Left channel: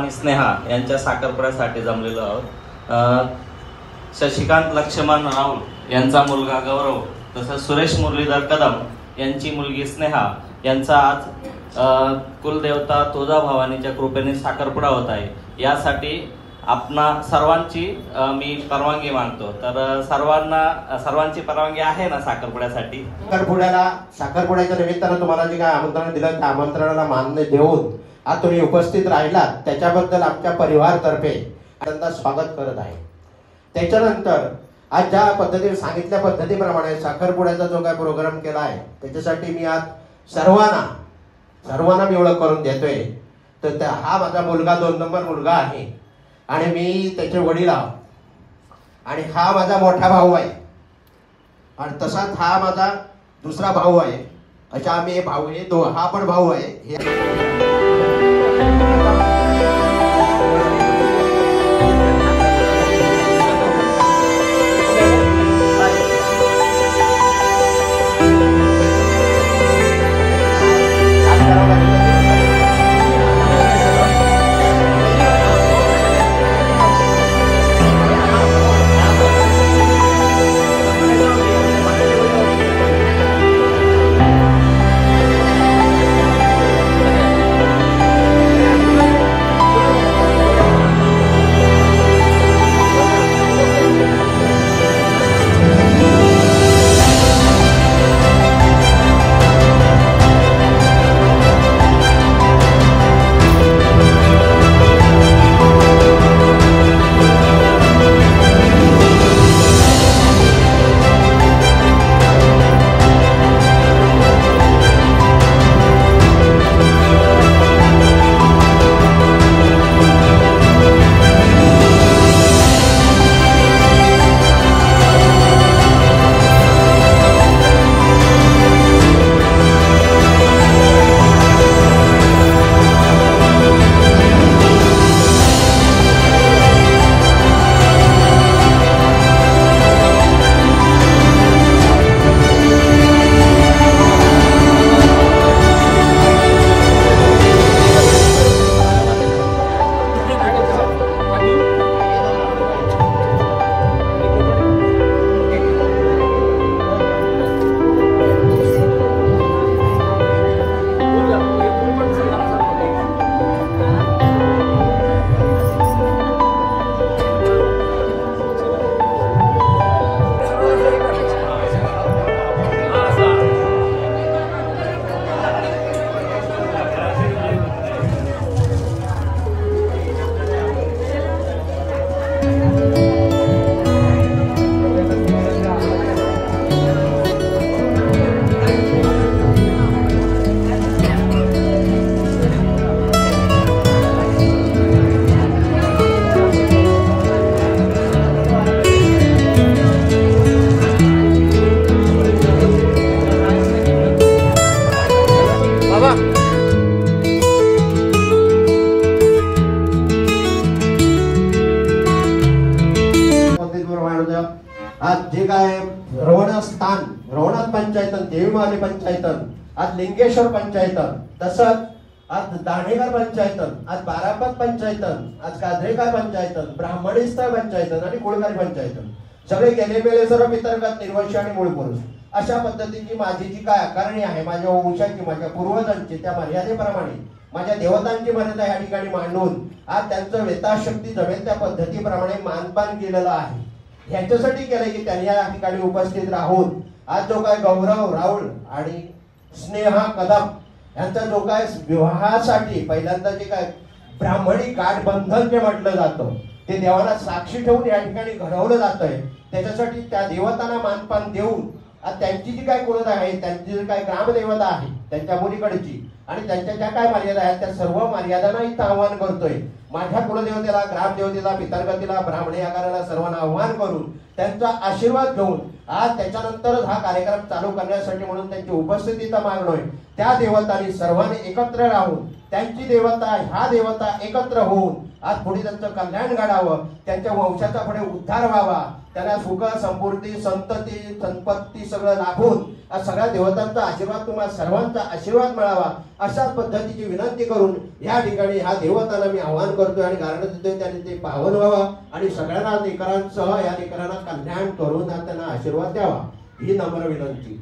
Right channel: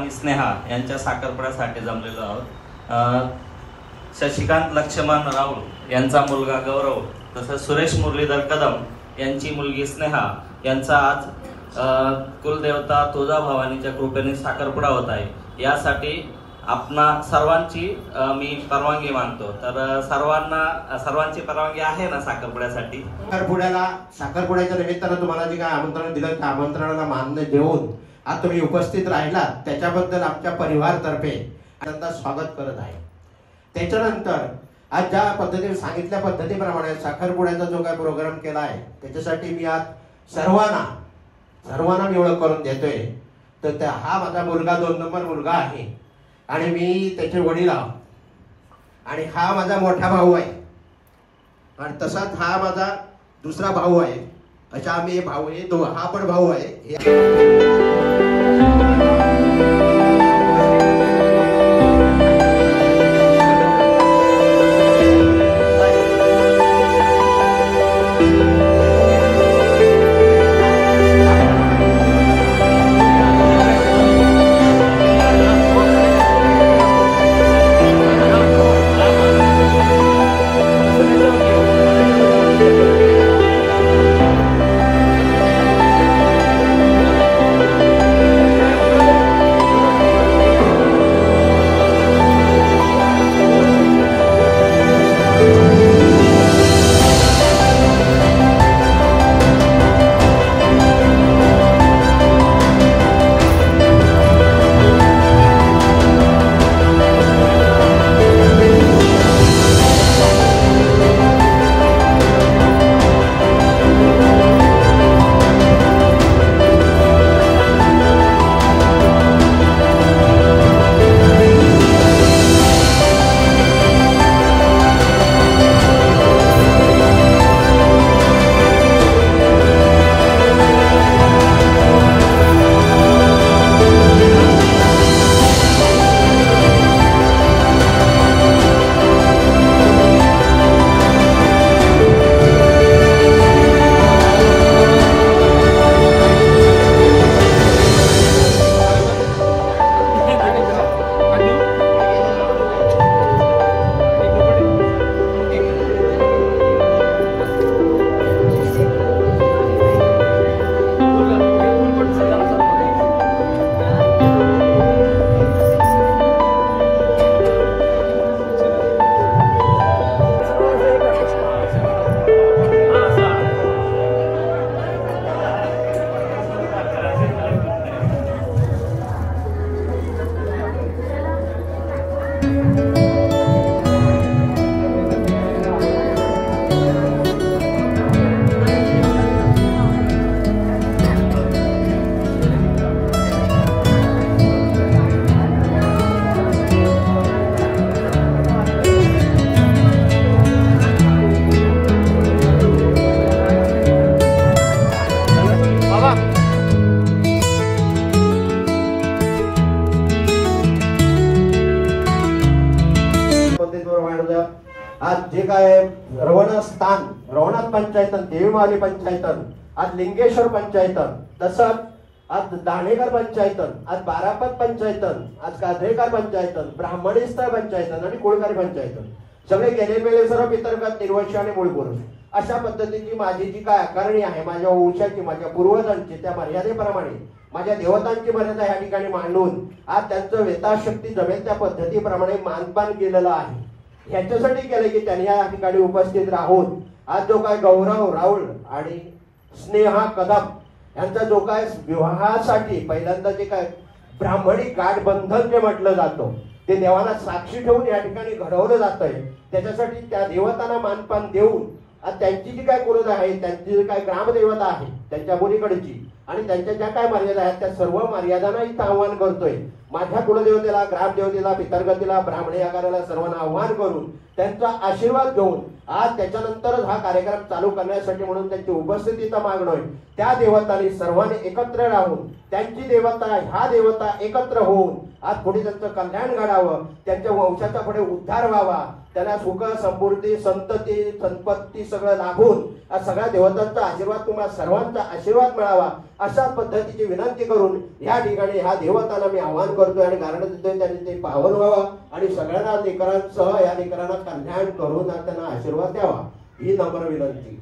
आणि स्नेहा यांच्या साखरपुड्यासाठी जमलेलो आहोत। शशिकांत लक्ष्मण राऊळ यांचा मुलगा गौरव तसंच सुरेश मुरलीधर कदम यांची मुलगी स्नेहा यांचा आज कुलदेवता तुळजाभवानीच्या कृपेने साखरपुडा होत आहे। यासाठी आपणा सर्वांची मी परवानगी मागतो। तर सर्वांची परवानगी आहे ना साखरपुड्यासाठी? साखरपुड्याच्या निमित्तानं तुम्हाला जे काय आमंत्रण दिलं त्या आमंत्रणाला मान्य देऊन आज तुम्ही उपस्थित राहिलात त्याच्याबद्दल आमच्या परिवारातर्फे त्यांचं स्वागत करत आहे। त्याच्यानंतर आज ज्या पद्धतीने सांगितल्या पद्धतीप्रमाणे साखरपुड्याचा जो काय प्रोग्राम केला आहे त्याच्यासाठी मी आज सर्वांना मी ओळख करून देतोय। तर हा माझा मुलगा 2 नंबर मुलगा आहे आणि मी त्याचे वडील आहोत आणि हा माझा मोठा भाऊ आहे आणि तसाच हा माझा दुसरा भाऊ आहे। अशा आम्ही हे भाऊ आहे, हा पण भाऊ आहे। आज जे काय रवणाथ पंचायतन, देवीमावली पंचायतन, आज लिंगेश्वर पंचायतन, तसंच आज दाणेकर पंचायतन, आज बारापत पंचायतन, आज गाजरेकर पंचायतन, ब्राह्मणीस्तर पंचायतन आणि कोळकारी पंचायतन सगळे गेले मेले सर्व पितरगत, निर्वंशी आणि मूळ पुरुष अशा पद्धतीची माझी जी काय आकारणी आहे माझ्या वंशाची, माझ्या पूर्वजांची, त्या मर्यादेप्रमाणे माझ्या देवतांची मर्यादा या ठिकाणी मांडून आज त्यांचं यथाशक्ती जमेल त्या पद्धतीप्रमाणे मानपान केलेलं आहे। ह्याच्यासाठी केलंय की त्यांनी या ठिकाणी उपस्थित राहून आज जो काय गौरव राऊळ आणि स्नेहा कदम यांचा जो काय विवाहासाठी पहिल्यांदा जे काय ब्राह्मणी गाठबंधन जे म्हटलं जातं ते देवाला साक्षी ठेवून या ठिकाणी घडवलं जातंय। त्याच्यासाठी त्या देवतांना मानपान देऊन आज त्यांची जी काय कुलदेवता आहे, त्यांची जी काय ग्रामदेवता आहे त्यांच्या मुलीकडची आणि त्यांच्या ज्या काय मर्यादा आहेत त्या सर्व मर्यादांना इथं आव्हान करतोय। माझ्या कुलदेवतेला, ग्रामदेवतेला, पितरगतीला, ब्राह्मणी आकाराला सर्वांना आव्हान करून त्यांचा आशीर्वाद घेऊन आज त्याच्यानंतरच हा कार्यक्रम चालू करण्यासाठी म्हणून त्यांची उपस्थिती इथं मागणोय। त्या देवतांनी सर्वांनी एकत्र राहून त्यांची देवता ह्या देवता एकत्र होऊन आज पुढे त्यांचं कल्याण घडावं, त्यांच्या वंशाचा पुढे उद्धार व्हावा त्यांना सुख समृद्धी संतती संपत्ती सगळं लाभून सगळ्या देवतांचा आशीर्वाद तुम्हाला सर्वांचा आशीर्वाद मिळावा अशा पद्धतीची विनंती करून या ठिकाणी ह्या देवतांना मी आवाहन करतोय आणि कारण देतोय त्यांनी ते पावन व्हावं आणि सगळ्यांना लेकरांसह या लेकरांना कल्याण करून त्यांना आशीर्वाद द्यावा ही नम्र विनंती.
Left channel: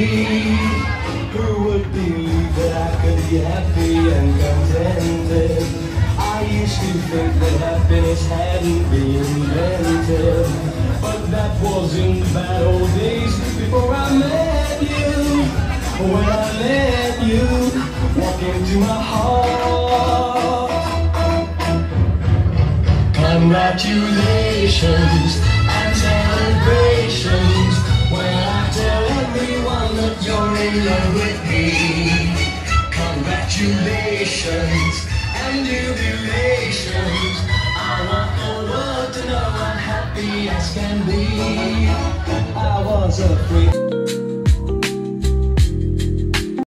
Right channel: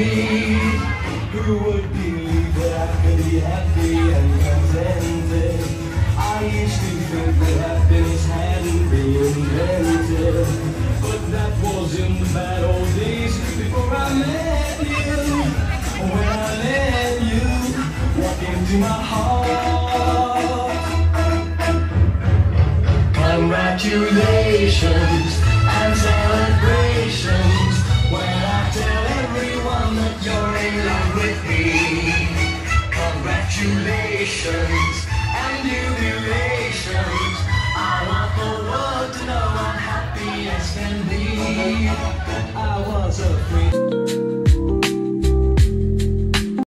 Who would believe that I could be happy and contented? I used to think that happiness hadn't been invented, but that was in the bad old days before I met you. When I met you, walk into my heart. Congratulations and celebrations when I tell everyone that you're in love with me. Congratulations and jubilations. I want the world to know I'm happy as can be. I was a free